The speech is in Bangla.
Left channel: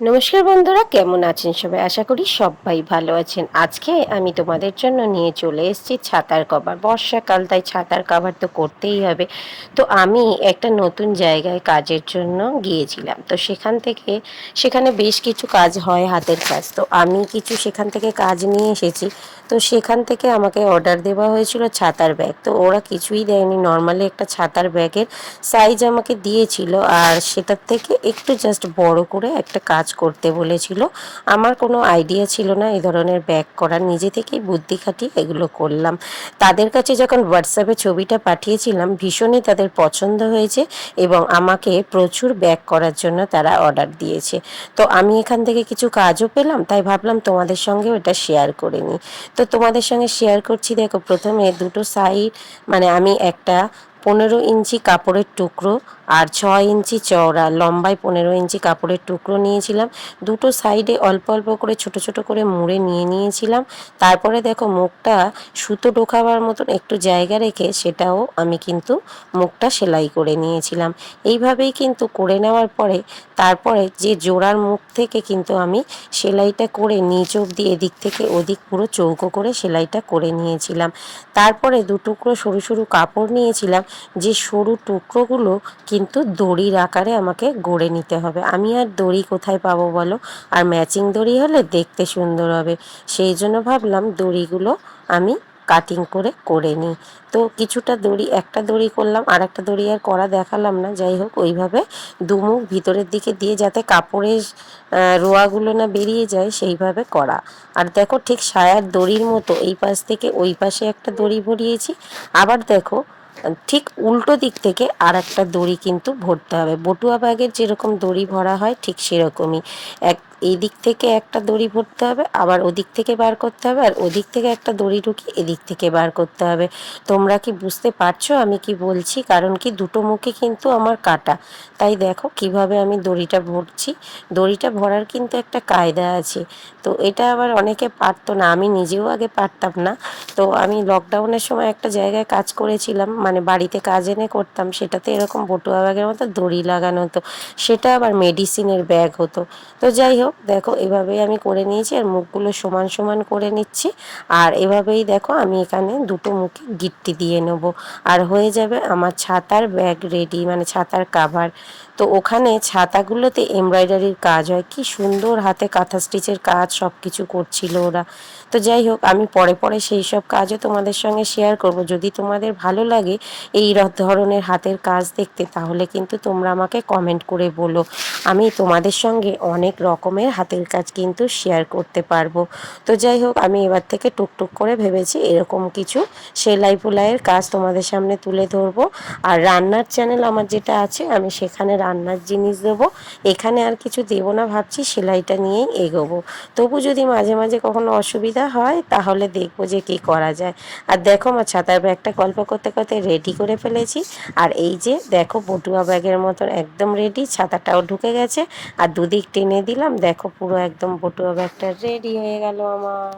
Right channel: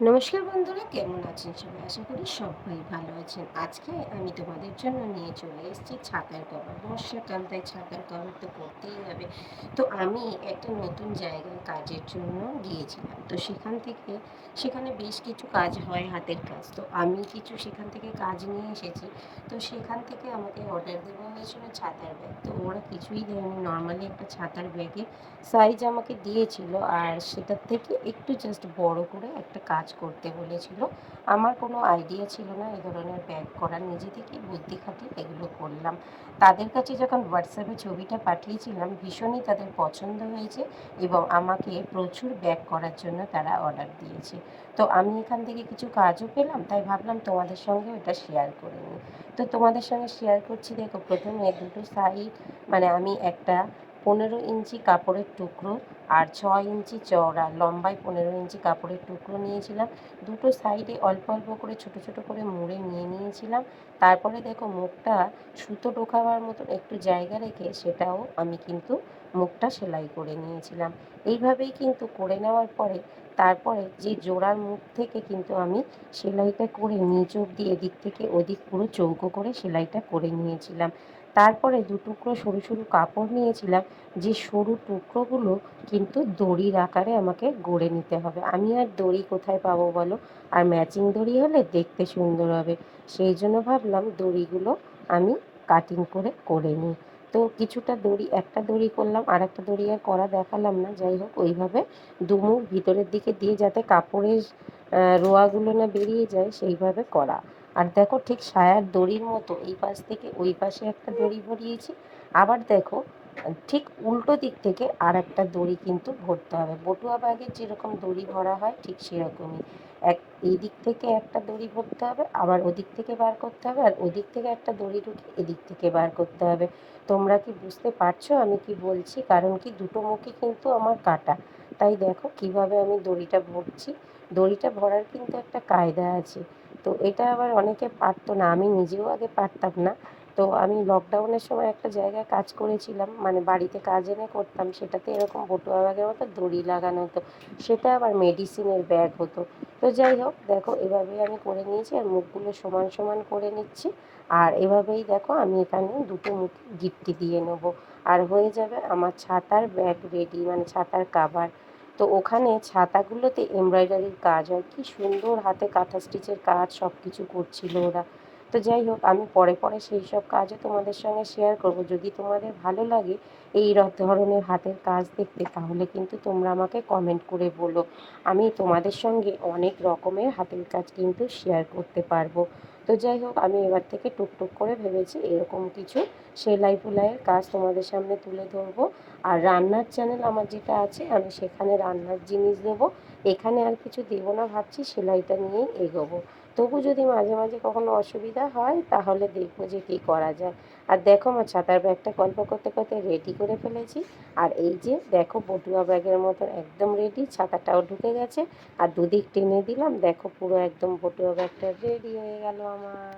নমস্কার বন্ধুরা, কেমন আছেন সবাই? আশা করি সবাই ভালো আছেন। আজকে আমি তোমাদের জন্য নিয়ে চলে এসেছি ছাতার কভার। বর্ষাকাল, তাই ছাতার কভার তো করতেই হবে। তো আমি একটা নতুন জায়গায় কাজের জন্য গিয়েছিলাম। তো সেখান থেকে, সেখানে বেশ কিছু কাজ হয় হাতের কাজ। তো আমি কিছু সেখান থেকে কাজ নিয়ে এসেছি। তো সেখান থেকে আমাকে অর্ডার দেওয়া হয়েছিল ছাতার ব্যাগ তো ওরা কিছুই দেয়নি। নর্মালি একটা ছাতার ব্যাগের সাইজ আমাকে দিয়েছিল। আর সেটার থেকে একটু জাস্ট বড় করে একটা কাজ করতে বলেছিল। আমার কোনো আইডিয়া ছিল না এই ধরনের ব্যাগ করার। নিজে থেকেই বুদ্ধি খাটিয়ে এগুলো করলাম। তাদের কাছে যখন হোয়াটসঅ্যাপে ছবিটা পাঠিয়েছিলাম, ভীষণই তাদের পছন্দ হয়েছে এবং আমাকে প্রচুর ব্যাগ করার জন্য তারা অর্ডার দিয়েছে। তো আমি এখান থেকে কিছু কাজও পেলাম, তাই ভাবলাম তোমাদের সঙ্গে ওটা শেয়ার করে নিই। তো তোমাদের সঙ্গে শেয়ার করছি, দেখো প্রথমে দুটো সাইড মানে আমি একটা পনেরো ইঞ্চি কাপড়ের টুকরো আর ছয় ইঞ্চি চওড়া, লম্বায় পনেরো ইঞ্চি কাপড়ের টুকরো নিয়েছিলাম। দুটো সাইডে অল্প অল্প করে, ছোট ছোট করে মুড়ে নিয়ে নিয়েছিলাম। তারপরে দেখো মুখটা সুতো ঢোকাবার মতন একটু জায়গা রেখে সেটাও আমি কিন্তু মুখটা সেলাই করে নিয়েছিলাম। এইভাবেই কিন্তু করে নেওয়ার পরে তারপরে যে জোড়ার মুখ থেকে কিন্তু আমি সেলাইটা করে নিচ অব্দি এদিক থেকে ওদিক পুরো চৌকো করে সেলাইটা করে নিয়েছিলাম। তারপরে দু টুকরো সরু সরু কাপড় নিয়েছিলাম। যে সরু টুকরোগুলো কিন্তু দড়ির আকারে আমাকে গড়ে নিতে হবে। আমি আর দড়ি কোথায় পাবো বলো? আর ম্যাচিং দড়ি হলে দেখতে সুন্দর হবে। সেই জন্য ভাবলাম দড়িগুলো আমি কাটিং করে করে নিই। তো কিছুটা দড়ি, একটা দড়ি করলাম আর একটা দড়ি আর করা দেখালাম না। যাই হোক, ওইভাবে দুমুখ ভিতরের দিকে দিয়ে যাতে কাপড়ের রোয়াগুলো না বেরিয়ে যায়, সেইভাবে করা। আর দেখো ঠিক সায়ার দড়ির মতো, এই পাশ থেকে ওই পাশে একটা দড়ি ভরিয়েছি। আবার দেখো ঠিক উল্টো দিক থেকে আর একটা দড়ি কিন্তু ভরতে হবে। বটুয়া ব্যাগের যেরকম দড়ি ভরা হয়, ঠিক সেরকমই। এক এই দিক থেকে একটা দড়ি ভরতে হবে, আবার ওদিক থেকে বার করতে হবে, আর ওদিক থেকে একটা দড়ি ঢুকিয়ে এদিক থেকে বার করতে হবে। তোমরা কি বুঝতে পারছ আমি কি বলছি? কারণ কি দুটো মুখে কিন্তু আমার কাটা। তাই দেখো কীভাবে আমি দড়িটা ভরছি। দড়িটা ভরার কিন্তু একটা কায়দা আছে। তো এটা আবার অনেকে পারতো না, আমি নিজেও আগে পারতাম না। তো আমি লকডাউনের সময় একটা জায়গায় কাজ করেছিলাম মানে বাড়িতে কাজ এনে করতাম, সেটাতে এরকম বটুয়া ব্যাগের মতো দড়ি লাগানো হতো। সেটা আবার মেডিসিনের ব্যাগ হতো। তো যাই হোক দেখো এভাবেই আমি করে নিয়েছি আর মুখগুলো সমান সমান করে নিচ্ছি। আর এভাবেই দেখো আমি এখানে দুটো মুখে গিট্টি দিয়ে নেব। আর হয়ে যাবে আমার ছাতার ব্যাগ রেডি মানে ছাতার কাভার তো ওখানে ছাতাগুলোতে এমব্রয়ডারির কাজ হয়। কি সুন্দর হাতে কাঁথা স্টিচের কাজ সব কিছু করছিল ওরা। তো যাই হোক, আমি পরে পরে সেই সব কাজও তোমাদের সঙ্গে শেয়ার করব। যদি তোমাদের ভালো লাগে এই ধরনের হাতের কাজ দেখতে, তাহলে কিন্তু তোমরা আমাকে কমেন্ট করে বলো। আমি তোমাদের সঙ্গে অনেক রকমের হাতের কাজ কিন্তু শেয়ার করতে পারব। তো যাই হোক, আমি এবার থেকে টুকটুক করে ভেবেছি এরকম কিছু সেলাই ফুলাইয়ের কাজ তোমাদের সামনে তুলে ধরবো। আর রান্নার চ্যানেল আমার যেটা আছে, আমি সেখানে রান্নার জিনিস দেবো। এখানে আর কিছু দেবো না, ভাবছি সেলাইটা নিয়েই এগোবো। তবু যদি মাঝে মাঝে কখনো অসুবিধা হয়, তাহলে দেখব যে কী করা যায়। আর দেখো আমার ছাতার ব্যাগটা গল্প করতে করতে রেডি করে ফেলেছি। আর এই যে দেখো, বটুয়া ব্যাগের মতন একদম রেডি ছাতাটাও ঢুকে গেছে। আর দুদিক টেনে দিলাম দেখো পুরো একদম বটুয়া ব্যাগটা রেডি হয়ে গেল আমার।